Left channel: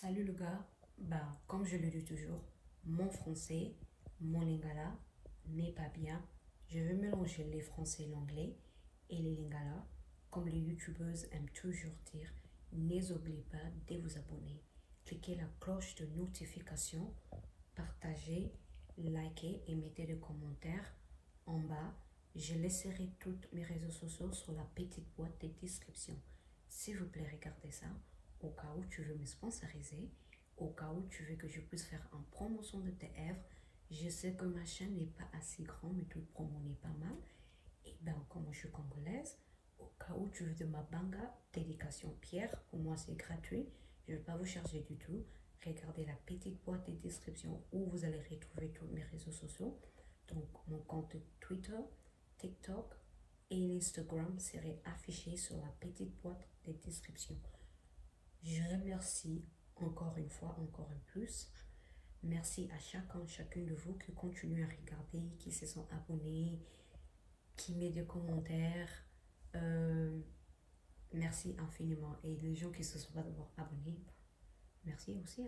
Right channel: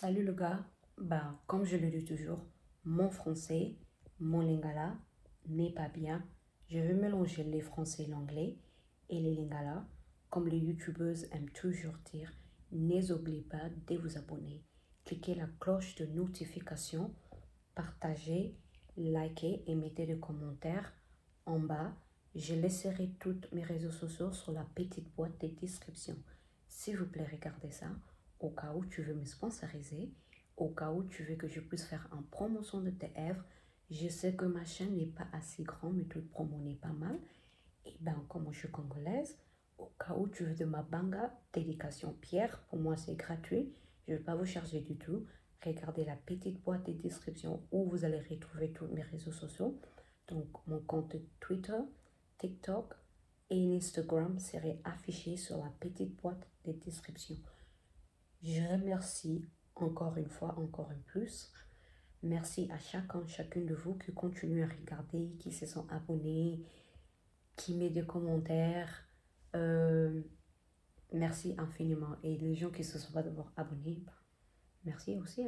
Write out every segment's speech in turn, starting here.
Salut le gars, comme je le dis toujours, mon français, mon lingala n'est pas bien. Je veux mélanger les français, l'anglais et les lingala. Comme les youtubeuses aiment toujours dire, n'oubliez pas de vous abonner. Cliquez la cloche de notification, partagez, likez et mettez des commentaires en bas. Je laisserai tous mes réseaux sociaux sur la petite boîte de description. S'il vous plaît, regardez ça. Au cas où tu veux me sponsoriser, au cas où tu veux que je puisse faire une promotion de tes œuvres. Je sais que ma chaîne n'est pas assez grande, mais toute promo n'est pas mal. Et comme je suis congolaise, au cas où tu veux de ma banga, dédication Pierre, pour moi c'est gratuit. Je ne vais pas vous charger du tout. Regardez la petite boîte de description où vous allez retrouver tous mes réseaux sociaux. Donc mon compte Twitter, TikTok et Instagram serait affiché sur la petite boîte de description. Je remercie encore une fois, encore un plus. Merci à chacune de vous qui continue à regarder, qui se sont abonnés, qui met des commentaires. Merci infiniment. Et les gens qui ne se sont pas d'abord abonnés, merci aussi.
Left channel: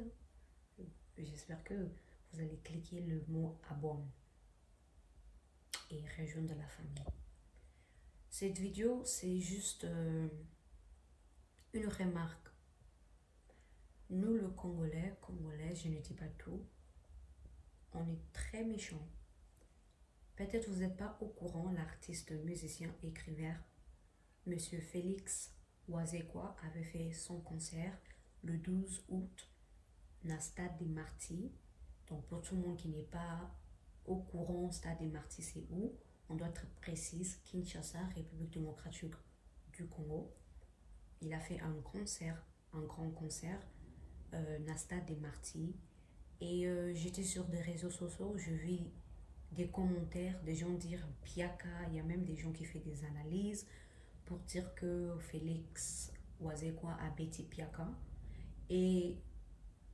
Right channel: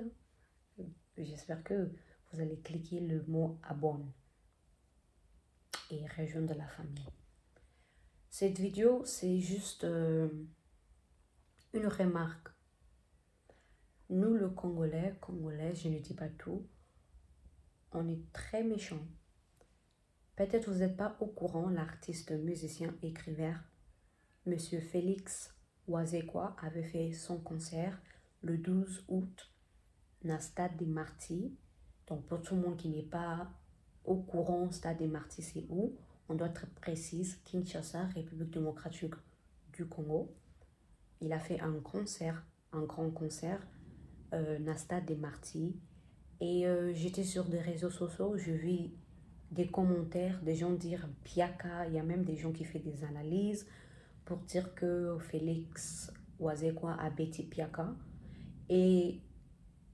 J'espère que vous allez cliquer le mot abonne et rejoindre la famille. Cette vidéo, c'est juste une remarque. Nous, le Congolais, je ne dis pas tout, on est très méchants. Peut-être vous n'êtes pas au courant, l'artiste, musicien, écrivain, Monsieur Félix Wazekwa avait fait son concert le 12 août dans le Stade des Martyrs. Donc pour tout le monde qui n'est pas au courant, Stade des Martyrs c'est où? On doit être précise, Kinshasa, République démocratique du Congo. Il a fait un concert, un grand concert dans le Stade des Martyrs. Et j'étais sur des réseaux sociaux, je vis des commentaires, des gens dire Piaka, il y a même des gens qui font des analyses pour dire que Félix Wazekwa a bêti Piaka. Et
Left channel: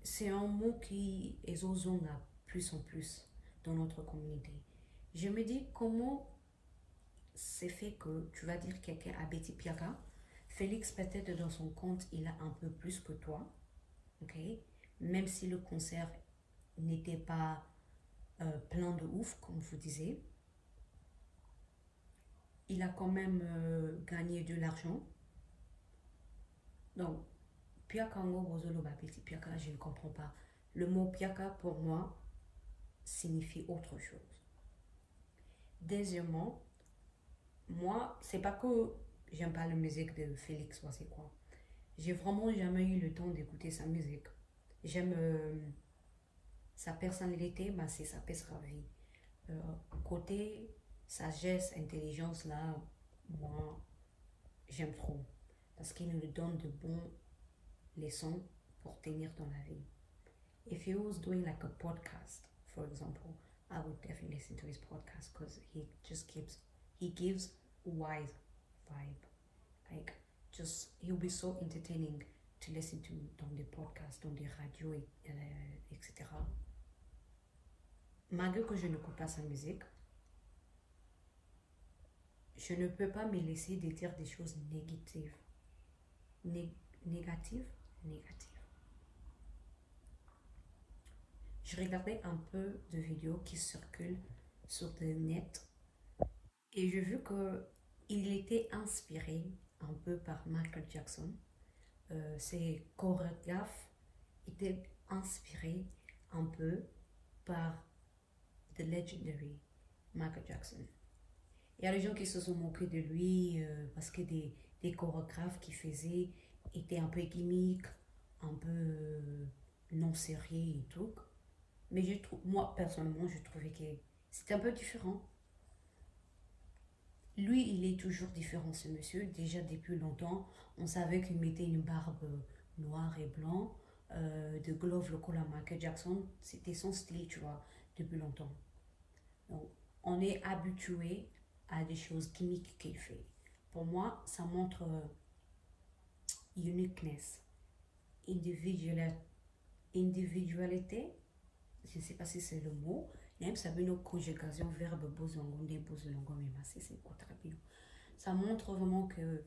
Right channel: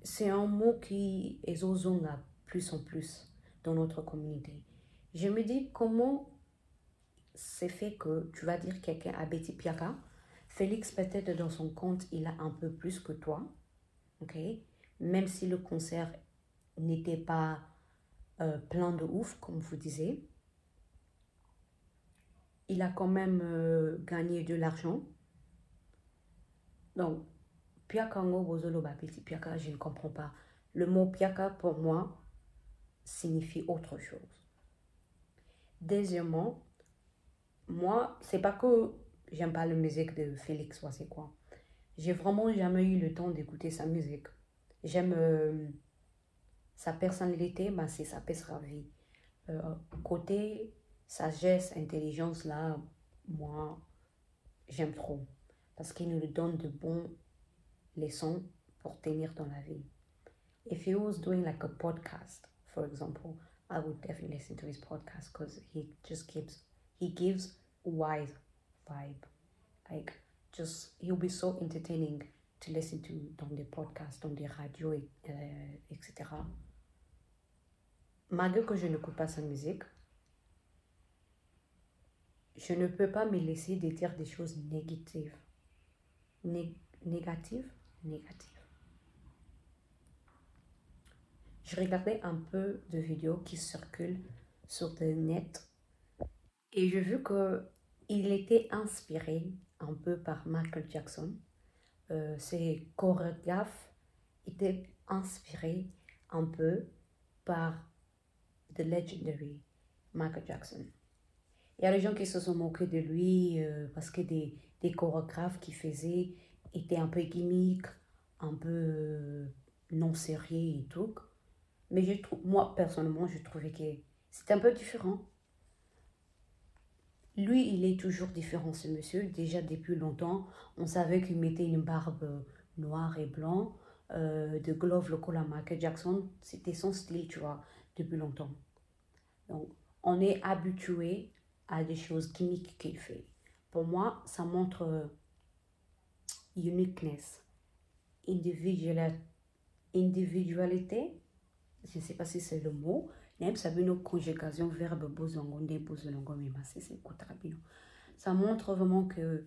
c'est un mot qui est ozonga plus en plus dans notre communauté. Je me dis comment c'est fait que tu vas dire quelqu'un a bêti Piaka. Félix peut-être dans son compte il a un peu plus que toi, ok? Même si le concert n'était pas plein de ouf, comme vous disiez. Il a quand même gagné de l'argent. Donc, Piaka ngo bozolo babiti Piaka, je ne comprends pas. Le mot Piaka, pour moi, signifie autre chose. Deuxièmement, moi, c'est pas que j'aime pas la musique de Félix Wazekwa. J'ai vraiment jamais eu le temps d'écouter sa musique. J'aime sa personnalité, c'est sa vie. Côté sagesse, intelligence, là, moi, j'aime trop. Parce qu'il nous donne de bons leçons pour tenir dans la vie. If he was doing like a podcast, for example, I would definitely listen to his podcast because he gives wise vibe. Like, he'll be so entertaining to listen to dans des podcasts, dans des radios, etc. Malgré que je n'écoute pas sa musique, je ne peux pas me laisser de dire des choses négatives. Négatives. Je regardais un peu de vidéos qui circulent sur le net et j'ai vu qu'il était inspiré un peu par Michael Jackson. Ses chorégraphes étaient inspirés un peu par The Legendary Michael Jackson. Il y a des gens qui se sont moqués de lui parce que des chorégraphes qu'il faisait étaient un peu gimmick, un peu non sérieux et tout. Mais moi, personnellement, je trouvais que c'était un peu différent. Lui, il est toujours différent, ce monsieur. Déjà, depuis longtemps, on savait qu'il mettait une barbe noire et blanc, de glove le col à Michael Jackson. C'était son style, tu vois, depuis longtemps. Donc, on est habitué à des choses gimmick qu'il fait. Pour moi, ça montre uniqueness, individualité. Je ne sais pas si c'est le mot, mais ça veut une conjugation verbe bozongonde, bozolongo, mais c'est bien. Ça montre vraiment que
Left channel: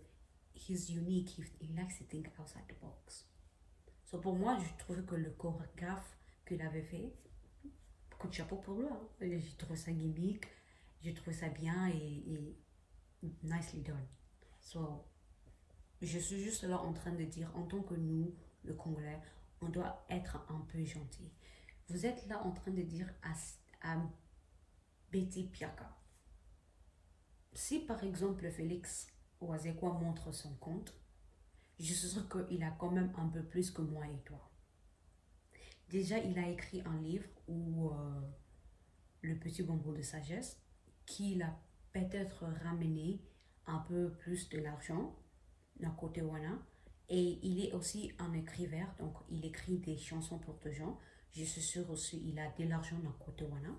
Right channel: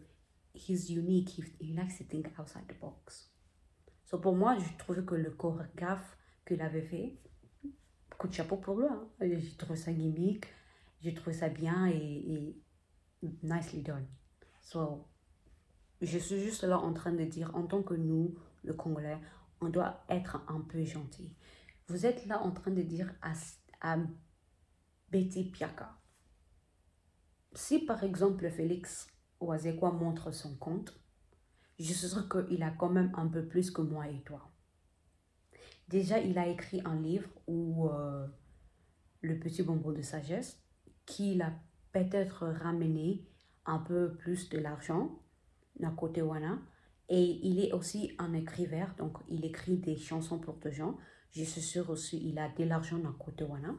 he's unique, he likes to think outside the box. So, pour moi, je trouve que le chorégraphe qu'il avait fait, coup de chapeau pour lui. Hein. J'ai trouvé ça gimmick, j'ai trouvé ça bien et nicely done. So, je suis juste là en train de dire, en tant que nous, le Congolais, on doit être un peu gentil. Vous êtes là en train de dire à Betty Piaka, si par exemple Félix Oazekwa montre son compte, je suis sûre qu'il a quand même un peu plus que moi et toi. Déjà, il a écrit un livre où Le petit bonbon de sagesse, qui l'a peut-être ramené un peu plus de l'argent à côté Wana. Et il est aussi un écrivain, donc il écrit des chansons pour des gens. Je suis sûre aussi il a de l'argent à côté Wana.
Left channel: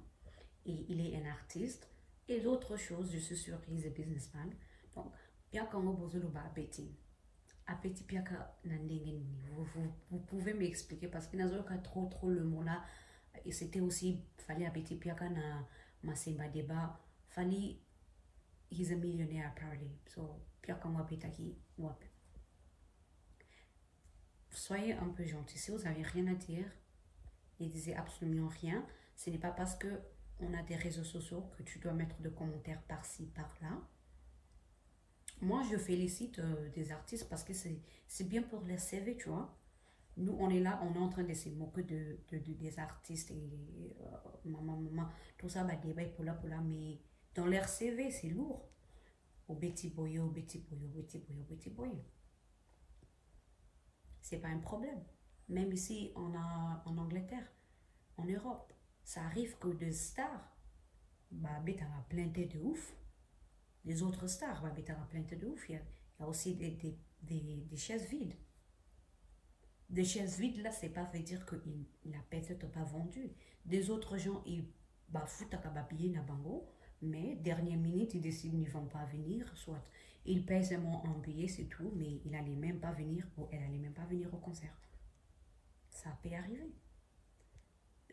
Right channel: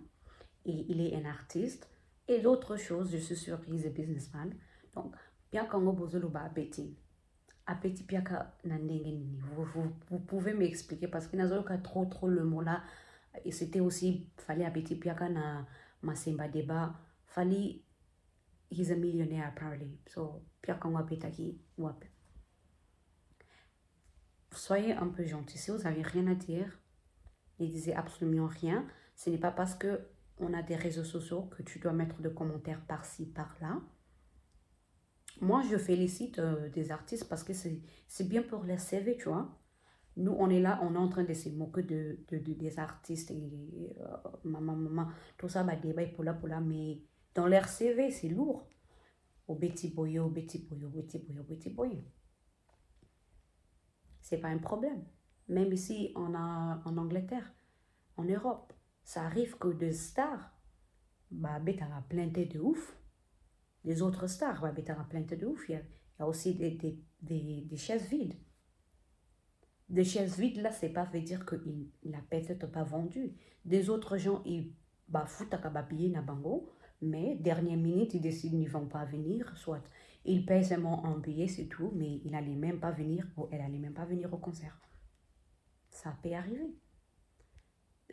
Et il est un artiste. Et d'autres choses, je suis sûre qu'il est un businessman. Donc, bien qu'on a besoin de Betty. Appétit piaka nandengeni. Vous pouvez m'expliquer parce qu'il n'y a pas trop le mot là. Et c'était aussi, fallait appétit piaka na masemba débat. Fallait, he's a millionaire apparently. So, piaka wapetaki wap. Soyez un peu gentil. Si vous n'avez rien à dire, ne disez absolument rien. Ce n'est pas parce que on a des réseaux sociaux que tu dois mettre des commentaires par-ci, par-là. Moi, je félicite des artistes parce que c'est bien pour les CV, tu vois. Nous, on est là, on est en train de se moquer des artistes et maman, tout ça, bah, débat pour là, mais dans leur CV, c'est lourd. Au Betty Boyo, Betty Boyo, Betty Boyo, Betty Boyo. C'est pas un problème. Même ici, en Angleterre, en Europe, ça arrive que des stars, bah, Betty a plein de ouf. Les autres stars, bah, Betty a plein de ouf. Il y a aussi des chaises vides. Des chaises vides, là, c'est pas veut dire qu'il n'a peut-être pas vendu. Des autres gens, ils foutent à payer na bango, mais dernière minute, ils décident qu'ils ne vont pas venir, soit ils payent seulement un billet, c'est tout, mais il n'allait même pas venir, ou elle n'allait même pas venir au concert. Ça peut arriver.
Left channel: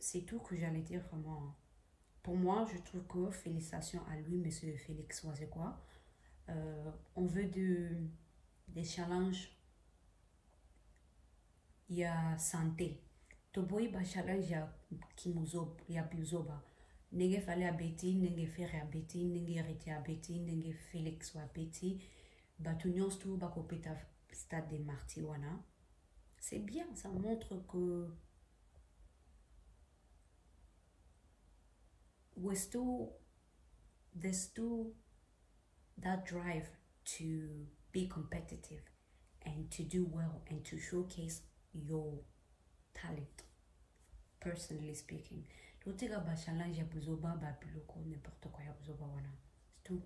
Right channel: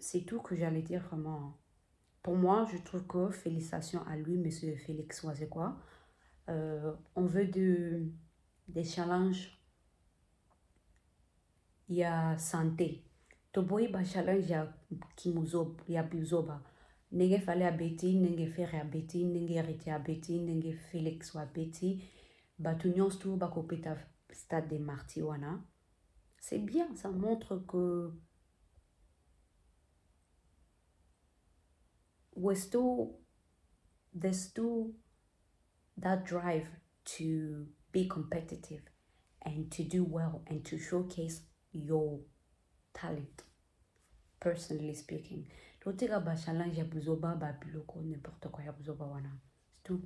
C'est tout que j'allais dire vraiment. Pour moi, je trouve que félicitations à lui, monsieur Félix Oazekwa. On veut des challenges. Il y a santé. Toboy ba challenge ya kimuzob ya bizoba. Nenge fale a beti, nenge faire a beti, nenge arrêter a beti, nenge Félix wa beti. Ba tunions tout ba kopeta stade des Martiwana. C'est bien, ça montre que there's still that drive to be competitive and to do well and to showcase your talent, personally speaking. Don't take a challenge ya buzoba ba biloko n'importe quoi ya buzoba wana. C'est tout.